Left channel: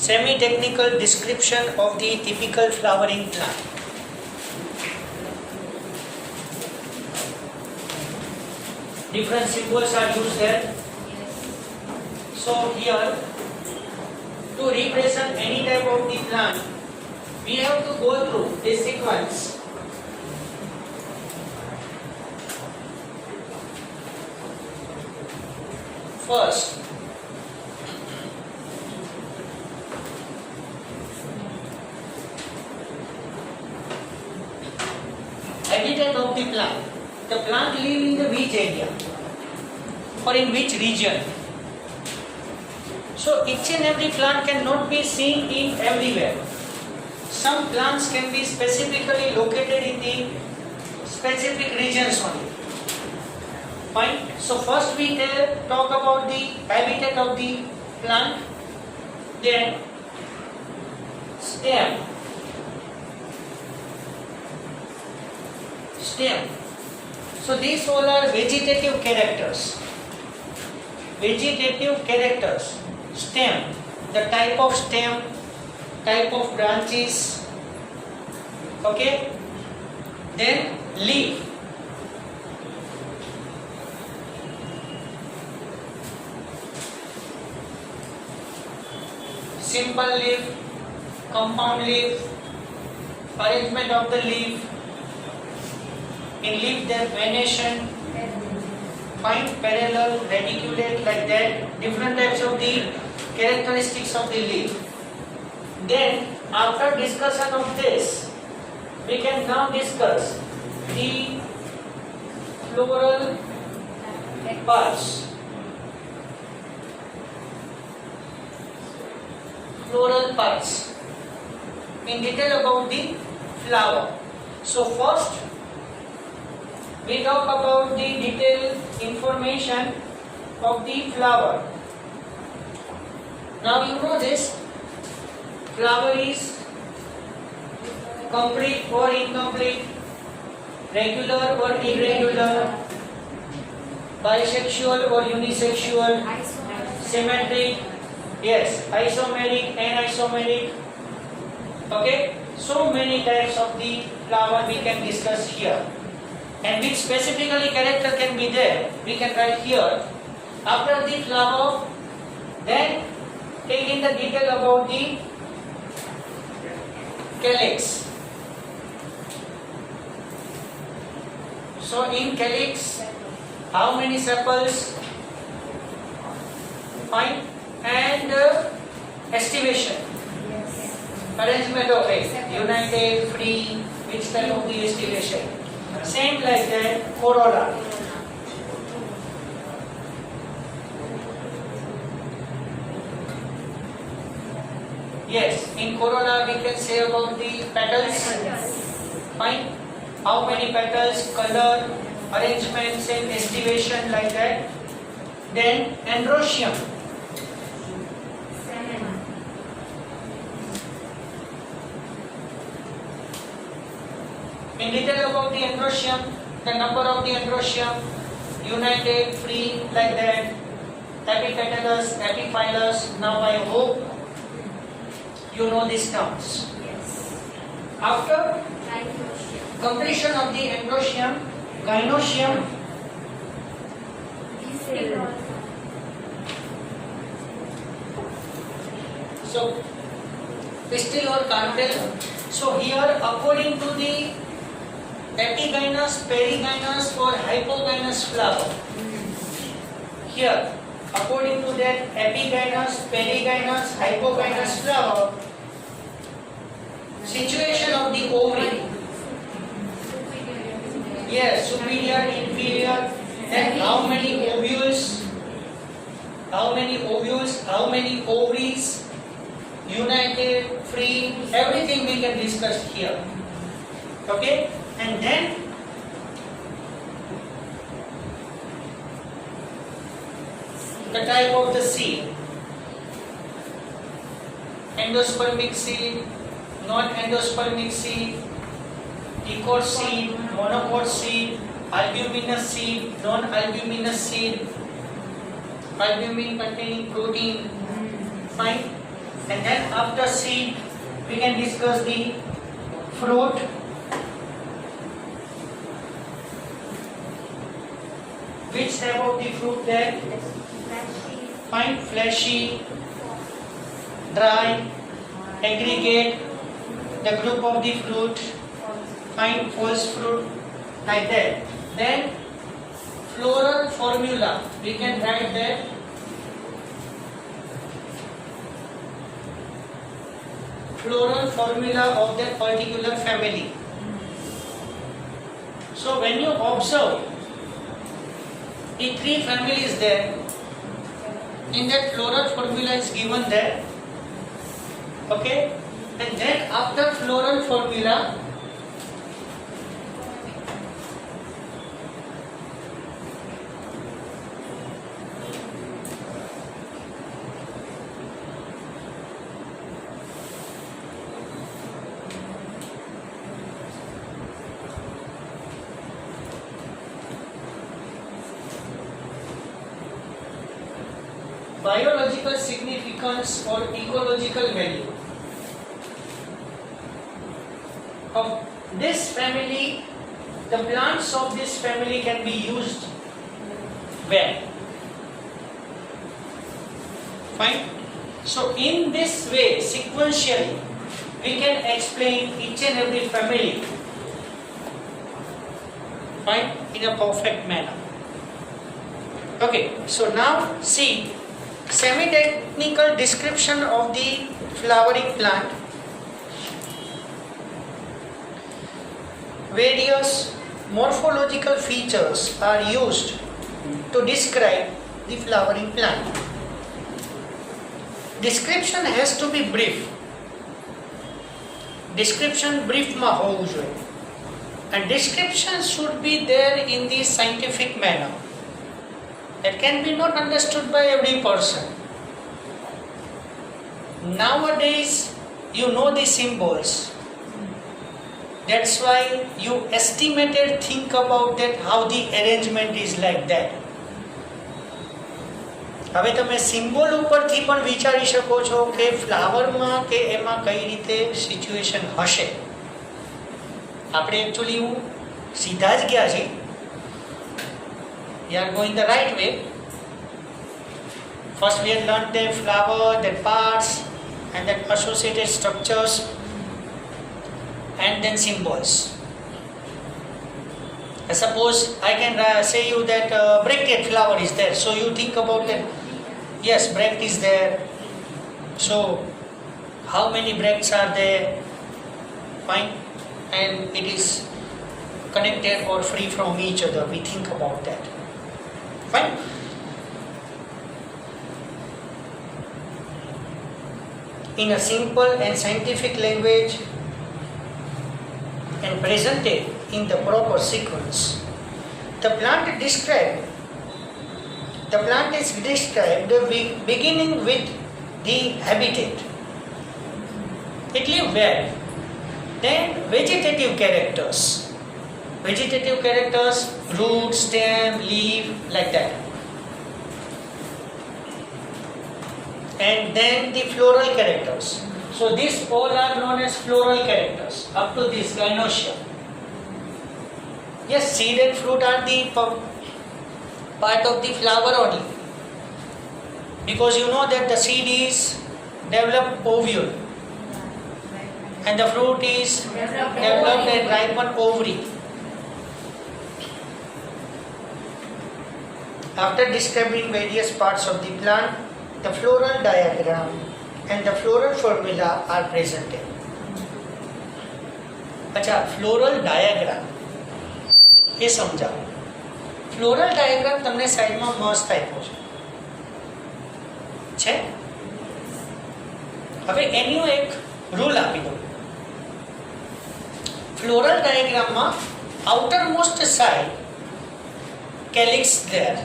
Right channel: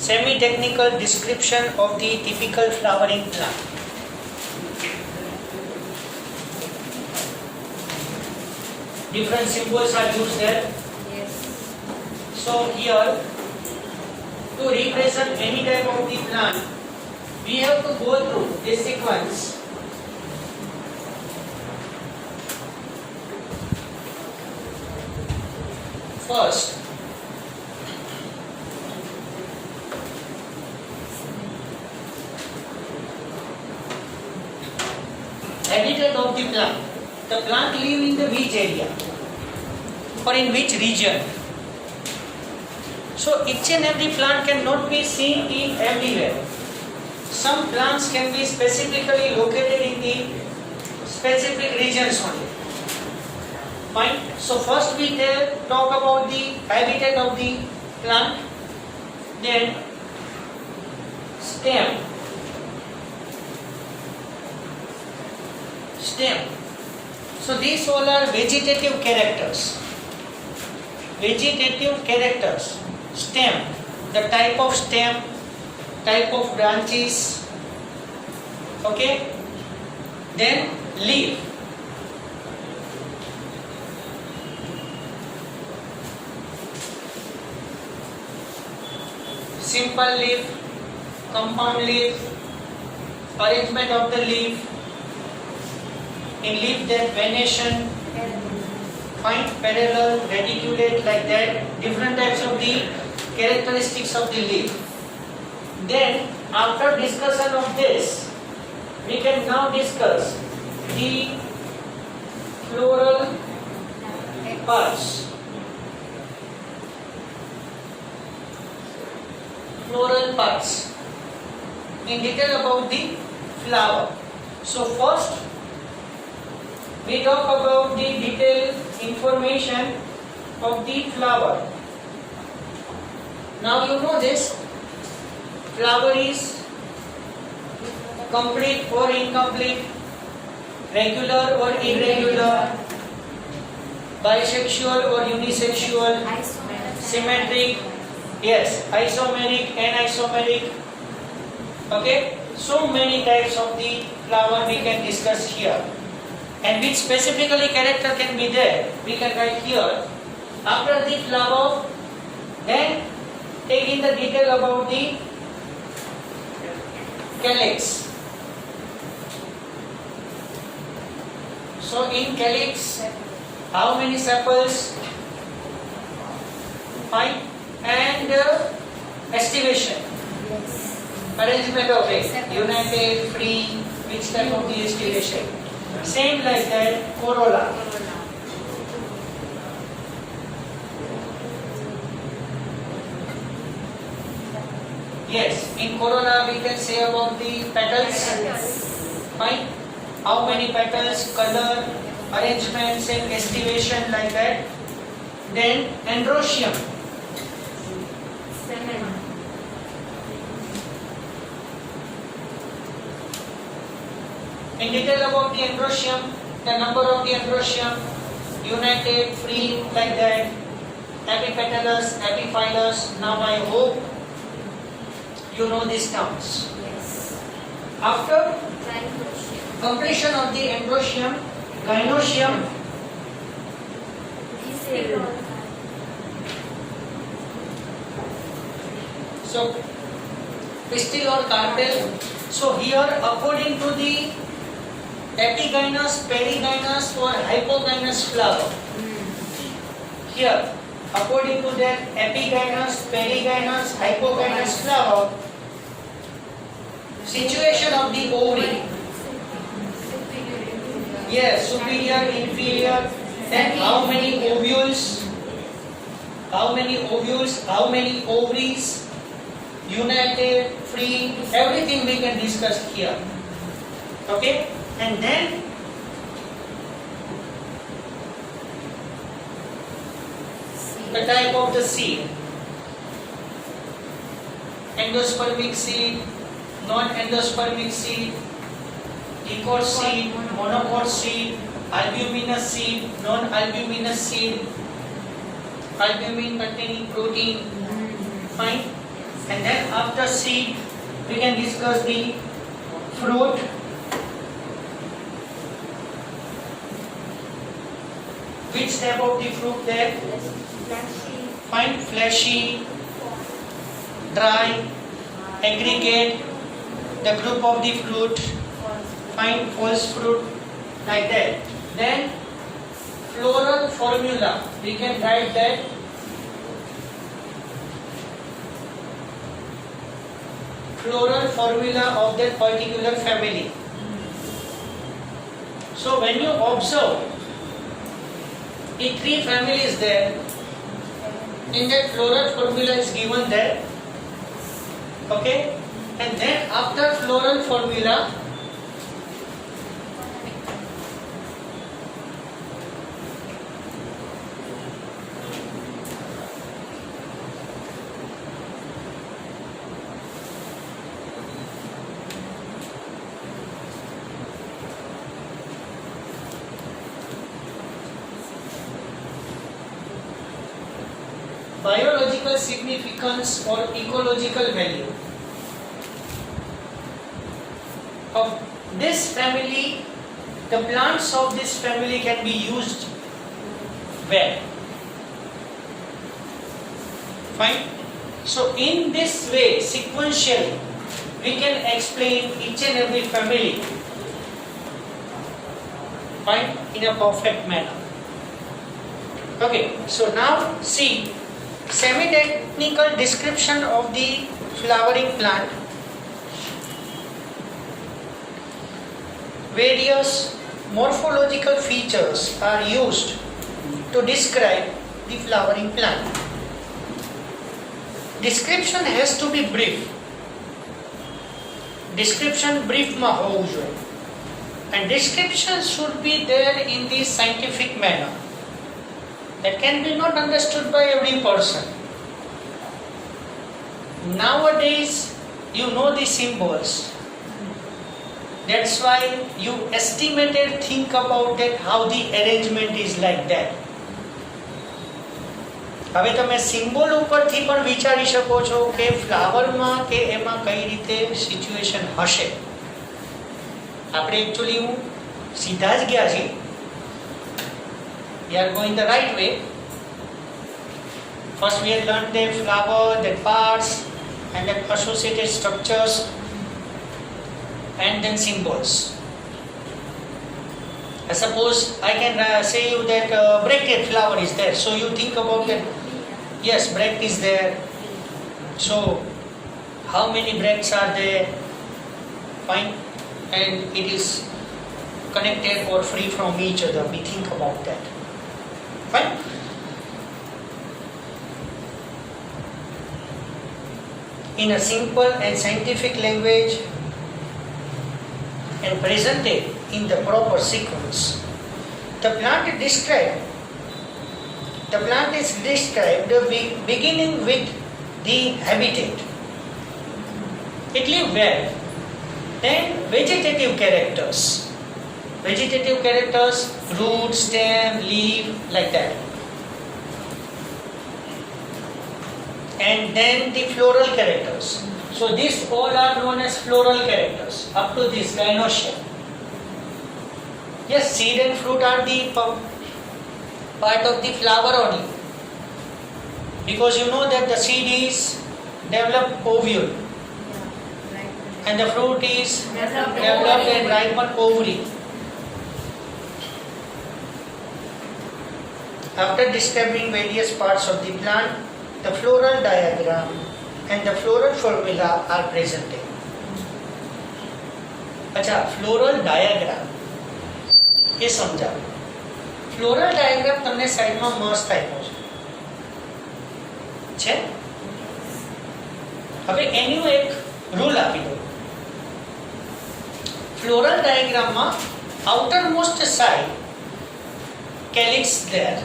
Semi-technical description of the typical flowering plant. Different symbols are used there. So here, to represent any type of the plant, we have to go through this sequence. First, habitat of the plant. The plant live in the which area or in which region? So each and every plant cannot be seen in everywhere. Some plants can be specifically located in the specific regions only. Fine. So first we talk about the habitat of the plant, then stem. So these all are vegetative characters. Vegetative characters. Stem, the type of stem, type of branches. Okay. Then leaf. Simple leaf, compound leaf, arrangement of the leaf. In leaf there venation, fine, parallel, radiculate, like that, different types of the characteristics of the leaf. Then after discussion of this, we can now discuss the floral parts. Floral parts in detail about the flower. So first we talk about the detailed information of the flower. Now you know this, flower is complete or incomplete, regular or irregular, bisexual or unisexual, symmetric, yes, isomeric, anisomeric. Okay, so many types of the flower we can discuss here. And which specifically character can be there, we can write here. After the flower, then take in the detail about the calyx. So in calyx, how many sepals? Fine. And estivation. Arrangement of it. United, free, which type of the estivation? Same like that, corolla. Yes, in corolla we can say about the petals. Fine. How many petals, color, arrangement, same estivation, like that. Then androecium. In detail about the androecium, the number of the androecium, united, free, like that, epipetalous, epiphyllous. Now I hope you know these terms. Yes. After completion of the androecium, gynoecium, so pistil or carpel. So here according to the epigynous, perigynous or hypogynous flower. Here, according to that epigynous, perigynous, hypogynous flower, situation of the ovary. Yes, superior, inferior, then how many ovules, how many ovaries, united, free, everything we can discuss here. Okay? And then the type of the seed. Endospermic seed, non-endospermic seed, dicot seed, monocot seed, albuminous seed, non-albuminous seed, albumin containing protein. Fine. And then after seed, we can discuss the fruit. Which type of the fruit there? Fine, fleshy, dry, aggregate, the group of the fruit, fine, false fruit, like that. Then floral formula, we can write that floral formula of that particular family. So when you observe the three families there, in that floral formula is given there, okay, and then after floral formula, biological significance or ecological value of this family, the plants of this family can be used well. Fine. So in this way, sequentially, we can explain each and every family, fine, in a perfect manner. Okay, so now see semi-technical description of the flowering plant. Various morphological features are used to describe the flowering plant. Description has to be brief. Description brief માં હોવું જોઈએ. And description should be there in the scientific manner. That can be not understood by every person. Nowadays, you know the symbols. That's why you estimated think about that how the arrangement is like that. હવે તમે symbol ઉપરથી પણ વિચારી શકો છો કે ફ્લાવરમાં કે એમાં કઈ રીતે સિચ્યુએશન હશે. આપણે એકચ્યુઅલી હું સીધા જ ગયા છીએ. We are going the right way. First we have learned the flower, the parts, and then associated structures, and then symbols. Suppose I can say you that bracket flower is there, so you think about that. Yes, bract is there. So how many bracts are there? Fine, and it is connected or free from each other. We think about that. Fine. In a simple and scientific language and presented in the proper sequence, the plant is described beginning with the habitat. It lives where? Then vegetative characters. Vegetative characters, root, stem, leaf, like that. And then the floral characters. So these all are known as floral characters up to this gynoecium. Yes, seed and fruit are the part of the flower only. Because you know that the seed is developed ovule and the fruit is developed and ripened ovary. After describing various parts of the plant, the floral diagram and the floral formula are presented. अच्छा, floral diagram ये समझाओ. Floral diagram તમને સાઈડમાં મસ્ત આપ્યો છે. હવે એનું એક રૂલ આપી દો. Floral diagramમાં outermost side calyx there.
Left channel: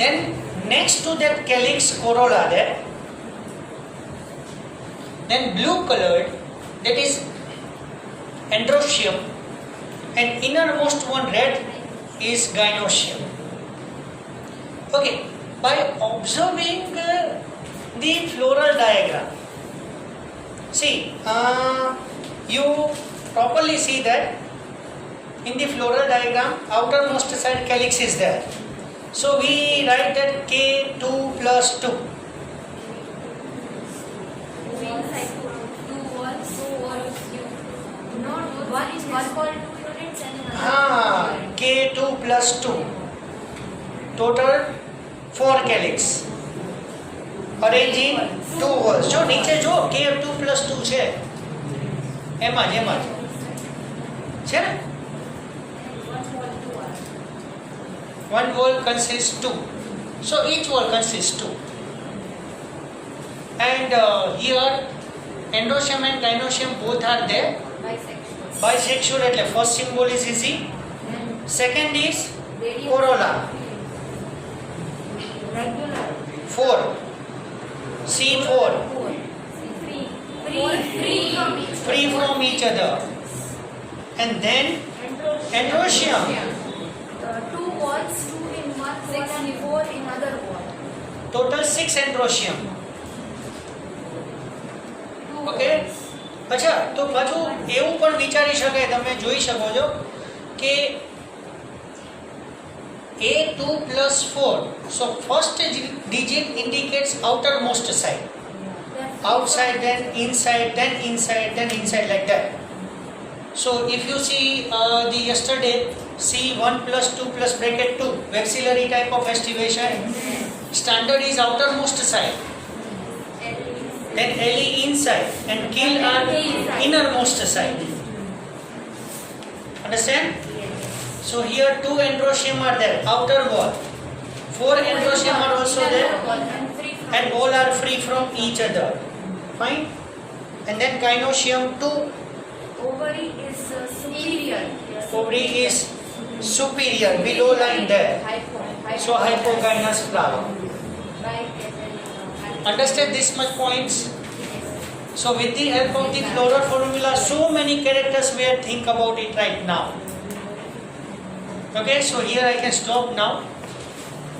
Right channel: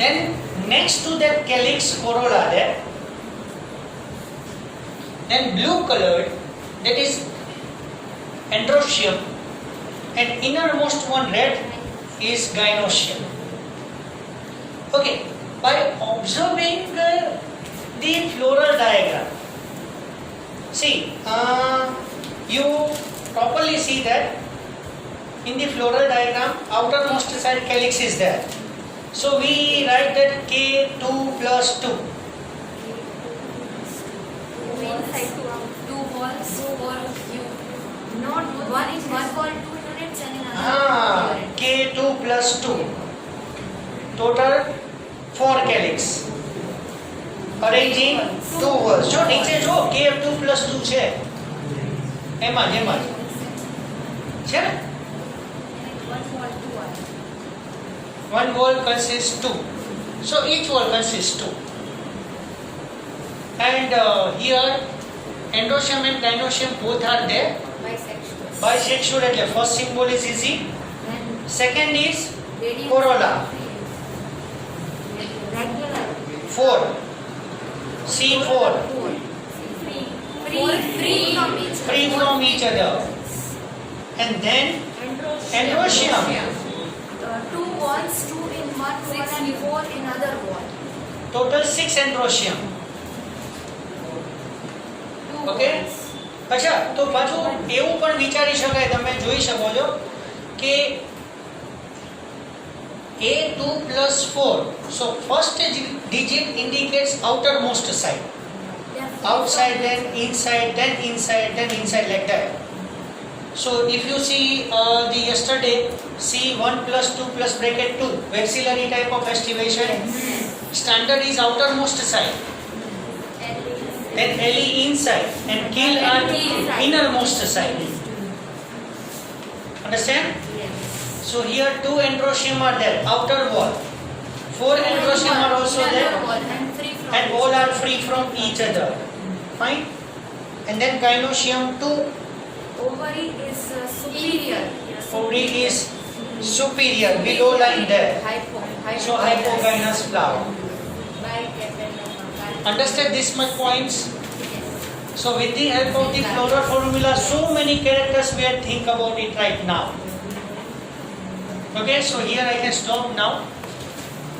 Then next to that calyx corolla there. Then blue colored, that is androecium, and innermost one red is gynoecium. Okay, by observing the floral diagram, see, you properly see that in the floral diagram, outermost side calyx is there. So we write that K2 plus 2. K2 plus 2. Total 4 calyx. Arrange in 2 walls. જો નીચે જો K2 plus 2 છે એમાં છે ને? One wall consists 2. So each wall consists 2. And here endoecium and gynoecium both are there. Bisexual. એટલે first symbol is easy. Second is corolla. 4. C4. Free from each other. And then endoecium. 2 walls, 2 in one wall and 4 in other wall. Total 6 endoecium. Okay? અચ્છા તો પાછું એવું પણ વિચારી શકાય, તમે જોઈ શકો છો કે A2 plus 4. So first digit indicates outermost side. Outside, then inside, then inside, then inside, like that. So if you see the yesterday, see 1 plus 2 plus bracket 2, vexillary type of estivation. Standard is outermost side. Then LE inside and kill on innermost side. Understand? So here 2 endoecium are there, outer wall. 4 endoecium are also there, and all are free from each other. Fine. And then gynoecium 2. Ovary is superior. Ovary is superior, below line there. So hypogynous flower. Understand this much points? So with the help of the floral formula, so many characters we are think about it right now. Okay, so here I can stop now.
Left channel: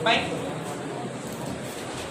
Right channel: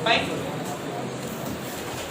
Fine.